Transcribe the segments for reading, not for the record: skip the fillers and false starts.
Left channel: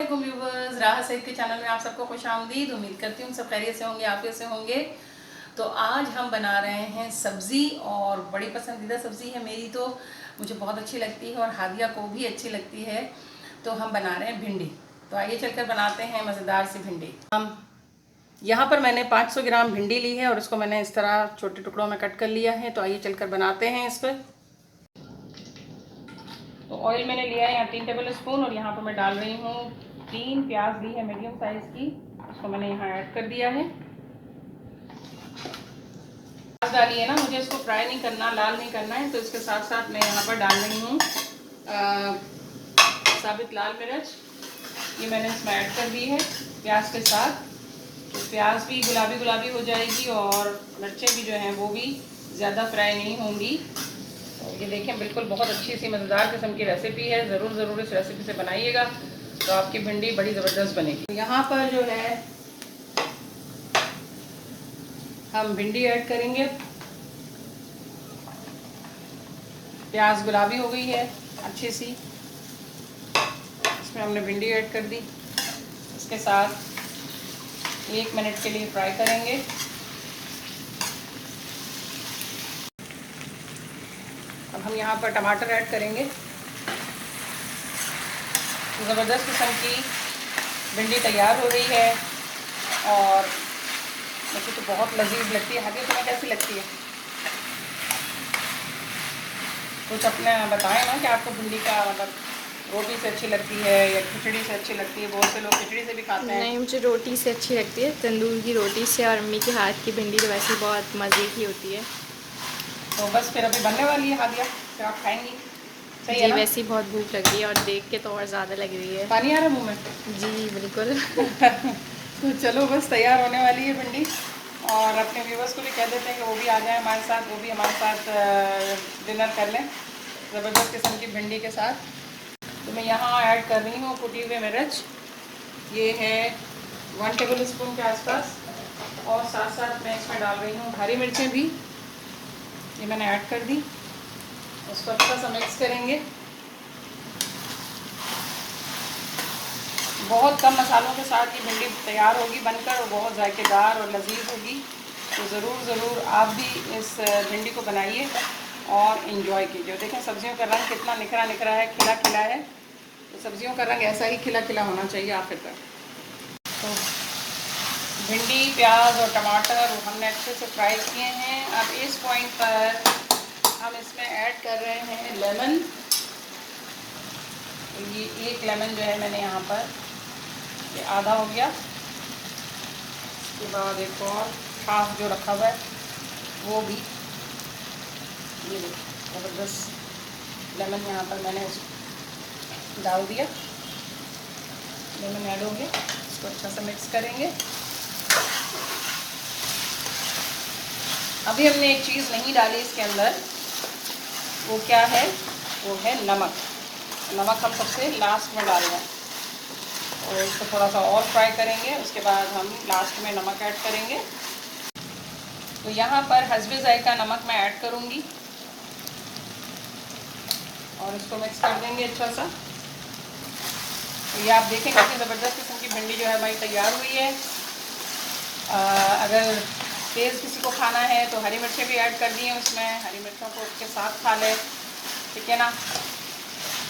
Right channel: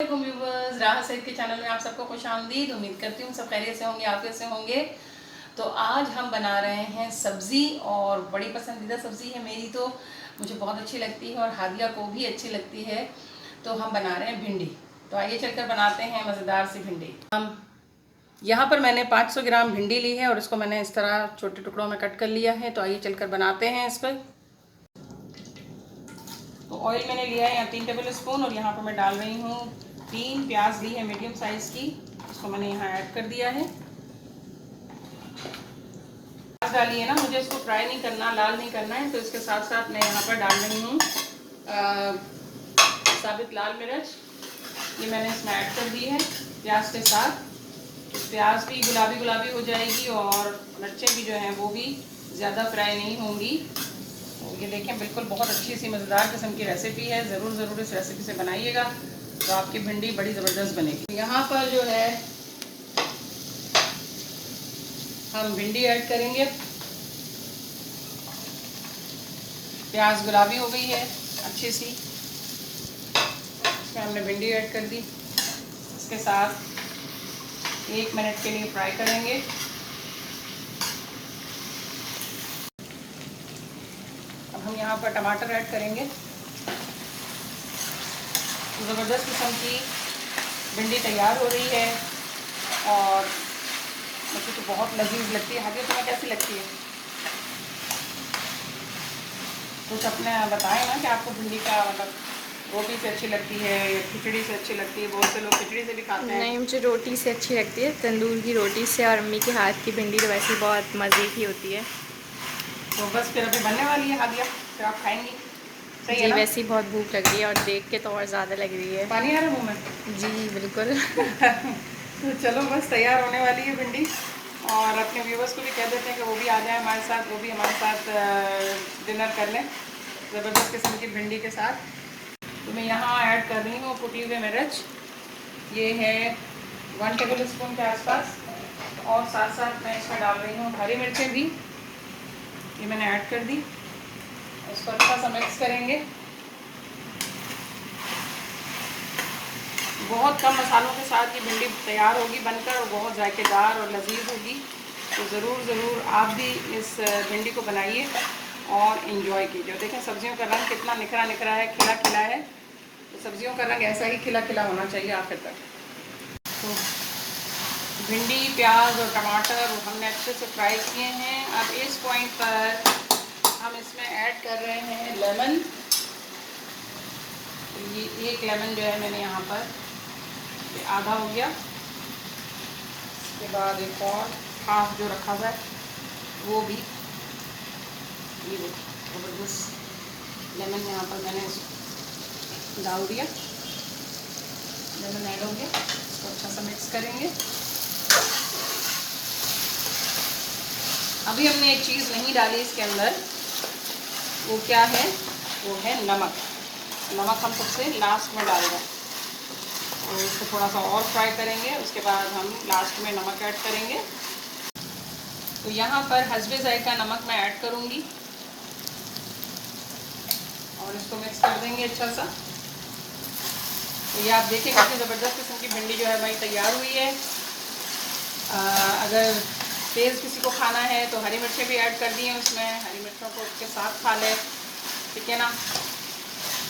Viewers, राहत सईद के channel में आप सबको खुशामदीद। उम्मीद करती हूँ सब खैरियत से होंगे, आफियत से होंगे। तो आज हम बना रहे हैं सब्ज़ी, और बड़ी पसंदीदा सब्ज़ी है मेरी, तो मुझे बहुत अच्छी लगती है और हादिया को भी अच्छी लगती है। तो हम बना रहे हैं भिंडी। तो आइए चलकर बनाते हैं मज़ेदार सी भिंडी। हम यहाँ पर मैंने 500 ग्राम भिंडी ली है और इसको मैंने इस तरह छोटे टुकड़ों में कट कर लिया है। तो आइए चलकर बनाते हैं इस पर। तो ऑयल मैंने लिया है यहाँ 3 टेबल स्पून, और यहाँ पर मैं डाल रही हूँ 3 प्याज ली है मीडियम साइज़ की। इसको मैंने यहाँ ऐड कर दिया है। प्याज डाली है ना, मुझे इसको फ्राई नहीं करना, लाल नहीं करना है। तो इसके साथ साथ मैं यहाँ पर डाल रही हूँ साबित लाल मिर्च। ये मैंने इसमें ऐड कर दी है प्याज के साथ। तो प्याज भी गुलाबी गुलाबी हो जाएगी और मिर्चें भी जो हैं वो भी ज़्यादा फ्राई नहीं होंगी। ये देखें, बिल्कुल बहुत अच्छी सी मज़ेदार किस्म की रेसिपी है। ज़रूर इस रेसिपी से बनाइएगा तो आपकी भिंडी बड़ी ज़बरदस्त बनेगी। यहाँ पर जो है हम भिंडी ऐड करेंगे। प्याज गुलाबी हो गई है अच्छी सी, इसमें हमने भिंडी ऐड कर दी। इसके साथ 1 मिनट के लिए फ्राई करेंगे। अब हम यहाँ पर टमाटर ऐड करेंगे। ज़बरदस्त किस्म की भिंडी तैयार हो गई है और मुझे तो बहुत लजीज लगती है। हाथी तुम्हें कैसी लगती है? कुछ अपने बताएं ना कि आपको भिंडी का मतलब रोटी से अच्छी लगती है या खिचड़ी से अच्छी लगती है। बहुत से लोग खिचड़ी से भी खाते हैं। नहीं, मुझे रोटी से अच्छी लगती है, तंदूर की रोटी से। और अम्मी के हाथ की भिंडी तो वैसे ही बहुत मज़े की होती है। तो बस फिर अभी बनने वाली है हादिया, फिर आप खाएंगी। सही है जी, ना? वैसे ही बहुत भूख लग रही है और देख के तो और ज़्यादा लग रही है। पानी आ रहा है मुँह में? जी बिल्कुल। तो चलो, बस तैयार होने वाली है भिंडी। और अपने व्यूवर्स को भी कह देते हैं कि वो भी आ जाए हमारे साथ, वो भी हमारे साथ डिनर कर लें ज़बरदस्त किस्म की भिंडी के साथ। तो मैं यहाँ ऐड कर रही हूँ कुटी हुई मिर्च। ये है 1 टेबल स्पून के आसपास। और साथ साथ मैं इसमें डाल रही हूँ हरी मिर्चें भी, ये मैंने ऐड कर दी। उसको अच्छा सा मिक्स करेंगे। बहुत कम मसालों के साथ ये भिंडी तैयार होगी बनकर, और बहुत जायकेदार और लजीज होगी। तो ज़रूर आप भी इस भिंडी को बनाइए और इन्जॉय कीजिए। देखें सब्जियों का रंग कितना निखरा निखरा है, खिला खिला है। तो सब्जियों का रंग ऐसा ही खिला खिला होना चाहिए आखिर तक। तो भिंडी, प्याज और टमाटर हमने अच्छे से फ्राई किए हैं। अब इस पॉइंट पर हम इसमें ऐड कर रहे हैं लेमन। तो ये 1 लेमन जो है मैंने यहाँ पर, ये आधा हो गया। इसके बाद एक और हाफ जो रखा हुआ है वो भी, ये ज़बरदस्त लेमन यहाँ पर मैंने उस डाल दिया। लेमन ऐड हो गया, इसको अच्छा से मिक्स करेंगे। अभी हमने एक चीज़ नहीं डाली इसके अंदर, वो क्या है? वो है नमक। नमक हम सबसे लास्ट में डालेंगे और इसको थोड़ा सा और फ्राई करेंगे। उसके बाद हम लास्ट में नमक ऐड करेंगे। तो यहाँ पर हस्बे ज़ायका नमक मैं ऐड करूँगी और इसको मिक्स कर देंगे अच्छा सा। तो ये आप देखें कितनी ज़बरदस्त किस्म की भिंडी जो है हमारी तैयार हुई है। अगर तेज़ किसी को खाना है तो हरी मिर्चें भी ऐड कर दी हैं उसमें, हरी मिर्चों को उसके साथ खा ले, ठीक है ना?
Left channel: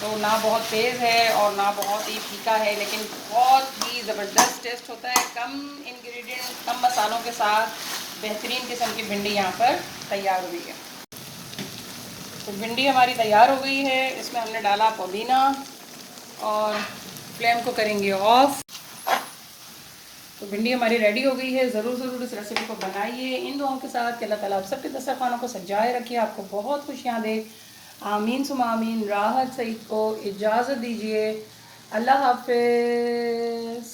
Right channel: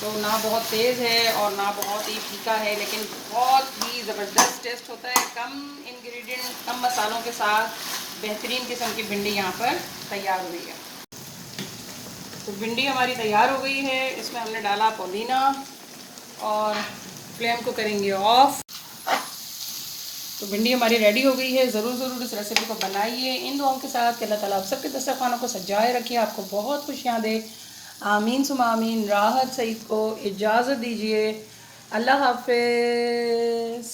तो ना बहुत तेज़ है और ना बहुत ही फीका है, लेकिन बहुत ही ज़बरदस्त टेस्ट होता है। कम इंग्रेडिएंट, कम मसालों के साथ बेहतरीन किस्म की भिंडी यहाँ पर तैयार हुई है। तो भिंडी हमारी तैयार हो गई है। इसमें हमने डाला पुदीना और फ्लेम को करेंगे ऑफ। तो भिंडी हमारी रेडी हो गई है। ज़रूर इस रेसिपी को बनाइए इन दुआओं के साथ कि अल्लाह ताला आप सबके दस्तरखानों को सजाए रखिए, आपको बहुत खुशियाँ दे। आमीन सुमा आमीन। राहत सईद को इजाज़त दीजिए। अल्लाह हाफ़िज़।